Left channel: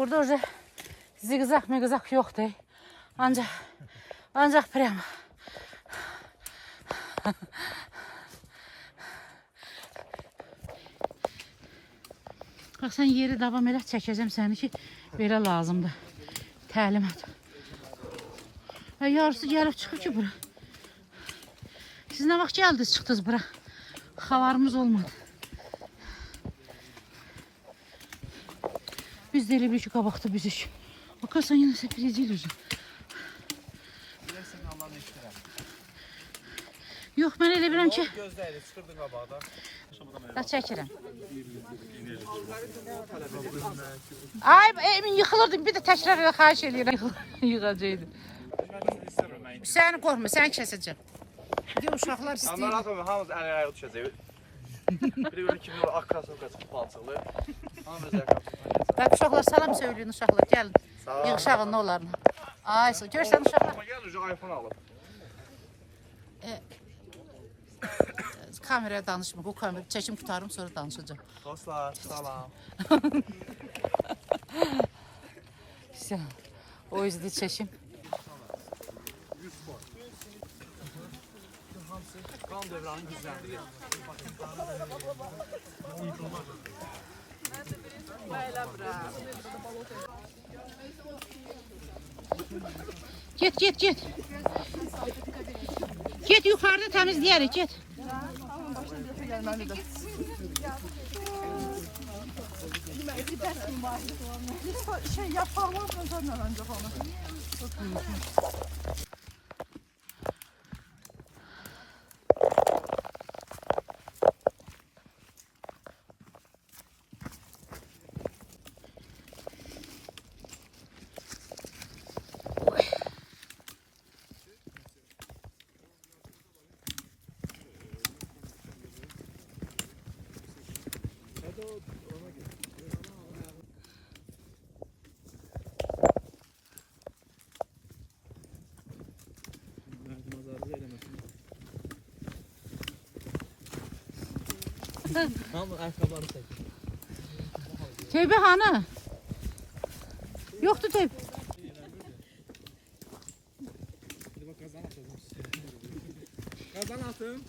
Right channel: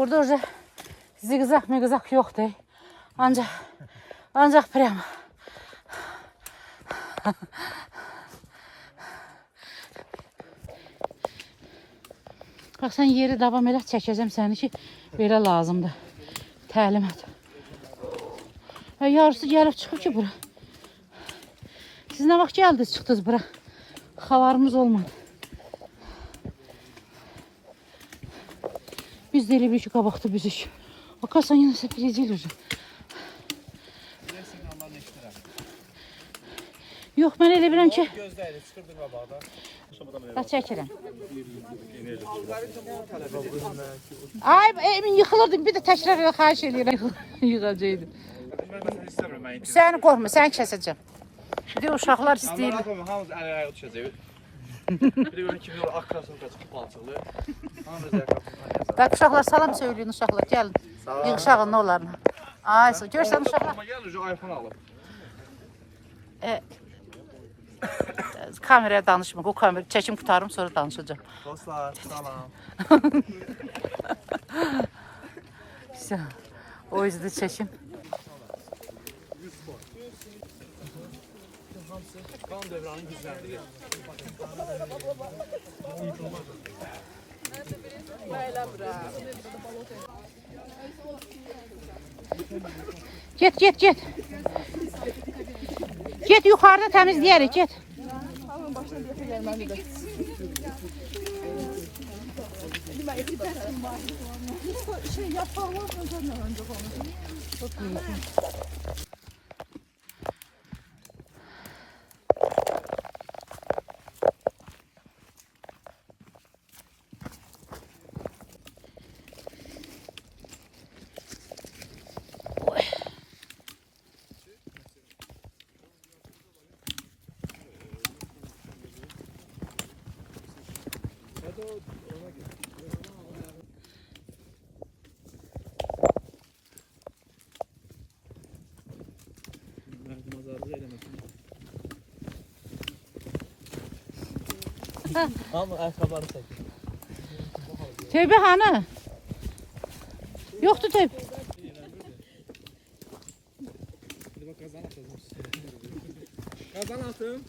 Burada уже zigzag migzag yoktu. Ancak prem. Bak sen yeri davam elə çəkəcəm səni ki, belə lazımdır. Təlim et. Yarısı gəlib çıxıb ki bura. Siz nə vaxt gəldiniz, çıxdınız bura? Xabarımız olmadı. Biz de elə bir ki, qabaqda bizik. Bakarsan yine sepirəcək olacaq. Bilək siqnallarını eşitirəm. Yox, mən elə bilirəm ki... Gözdəydi, çıxırdın qabaqda. Da çəkirəm. Alqaritm bunu tələb edir. Ay, emin yıxılırdım. Bir də təkrar xahiş edirəm. Yığacaqdım. Mən məsələn istəmirəm, mən intim. Səni qorxma, səni kəsəcəm. Bir də uşaqlar istəyir. Amma rapamı hamımız əl-ayağı düşəcək. Biri görün kimi ak krasovka çıxıb palçıqlı. Hamımız əl-ayağı Bak uşaqlar salam söyləyin uşaqlar. Gəlin. Yığışağın onlarla. Ay, görsən uşaqlar. Amma gəlir, iPhone alıb. Kameraya danışma. O kamera çəkim qutarım sonra danışacağım. Dostlar, salam. O yüzden çəkim. Qan dövranı gücləndirir. Get. Get yukarıda temizleyerek get. Şey yapamam senden önce bana. Çok iyi. Ama ayakkabıları çek. Tövbe hanı. Yoktu tövbe. Hadi bak kazan atalım. Kazan atım.